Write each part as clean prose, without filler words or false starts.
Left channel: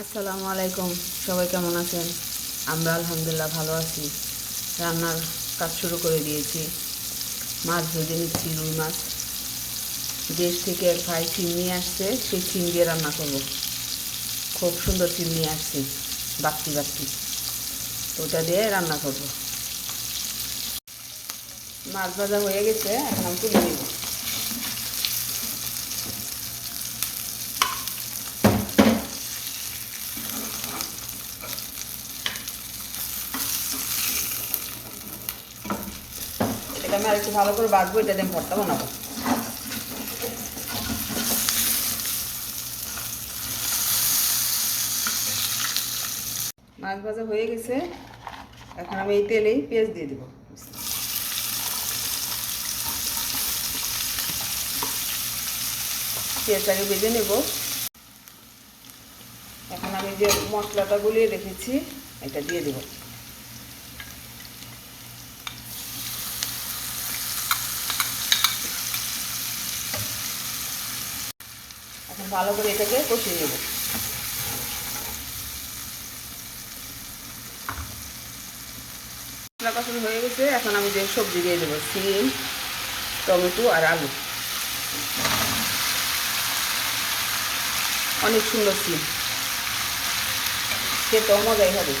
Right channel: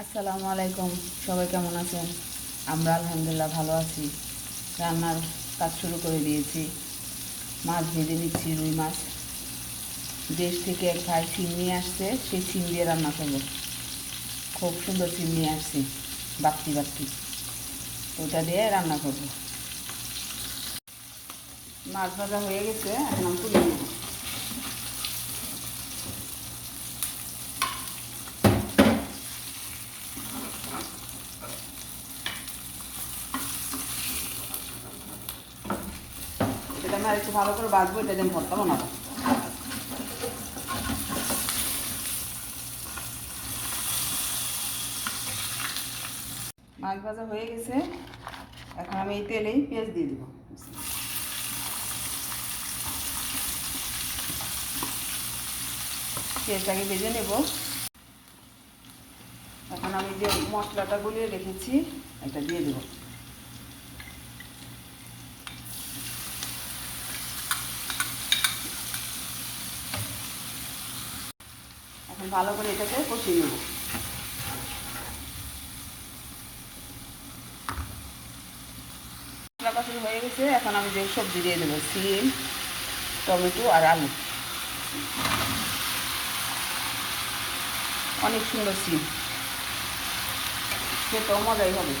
আসসালামু আলাইকুম। সবাই কেমন আছেন? আমরা আলহামদুলিল্লাহ ভালো আছি। রান্নার কাজ শুরু করে দিয়েছি। মাছ ভেজে নিচ্ছি, রুই মাছ। দেশ থেকে এক ভাই শিম নিয়ে আসছে, সেই শিম দিয়ে রান্না করবো। খুব সুন্দর শিম নিয়ে আসছি, বাচ্চি বাচ্চি। ওটা দিয়ে রান্না করবো। মাছ ভাজা হয়ে গেছে, এখন আমি তুলে নিব। এটা আমি আর একটু ভালো করে বাঁচবো, এটা দিয়ে ভর্তা বানাবো। মাছ ভাজা হয়ে গেছে, এখন আমি এই তেলেই পেঁয়াজ দিয়ে দেবো। পেঁয়াজটাকে ভেজে নেব। এখন আমি যে মশলাটা গুলিয়ে রেখেছি এটা দিয়ে দেব। এখন ভালো করে এটাকে কষিয়ে নেব। মশলা কষানো হয়ে গেছে, এখন আমি যে সবজি দিয়ে দেবো, সিম, টমেটো আর আলু। অনেক সুন্দর সিম, খেতেও মজাই হবে।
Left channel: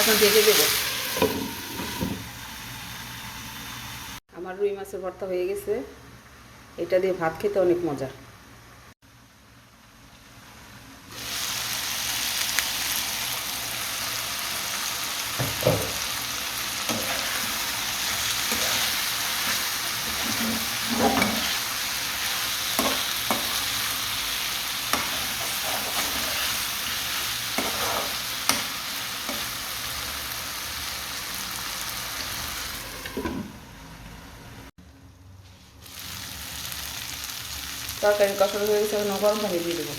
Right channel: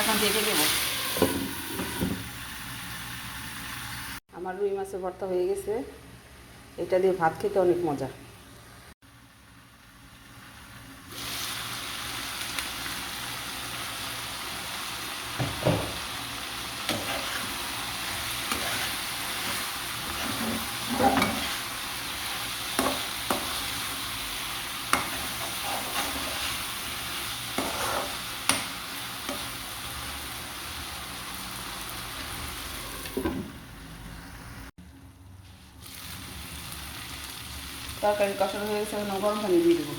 এখন ভেজে দেবো। আমার রুই মাছের ভর্তা হয়ে গেছে, এটা দিয়ে ভাত খেতে অনেক মজা। তরকারি কষানো হয়ে গেছে, এখন গরম পানি দিয়ে দেবো।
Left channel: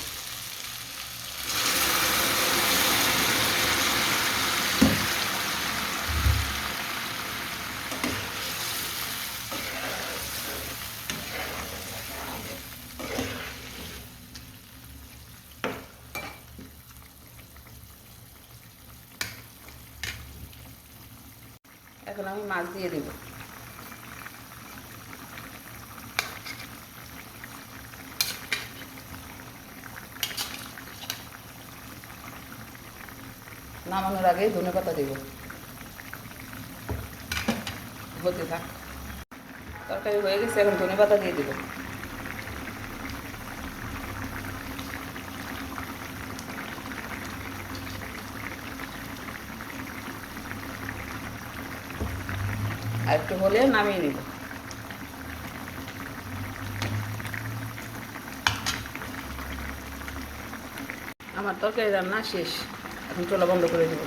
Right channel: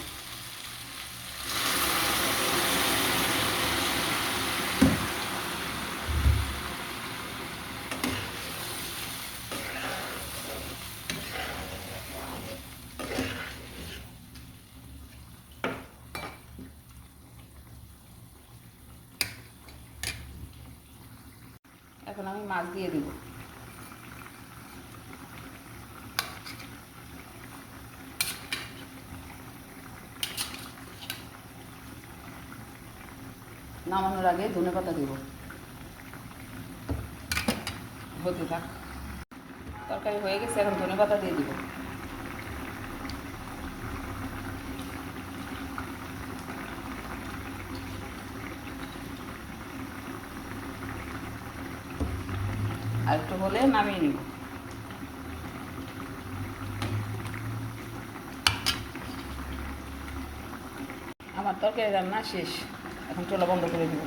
এখন আমি মাছ দিয়ে দেবো। নামানোর আগে ধনেপাতা দেব। হতে থাক। তরকারি হয়ে গেছে, এখন ধনেপাতা দিয়ে দেবো। আর একটু হলে নামিয়ে নেব। আমার তরকারি রান্না শেষ, এখন চুলা বন্ধ করে দেবো।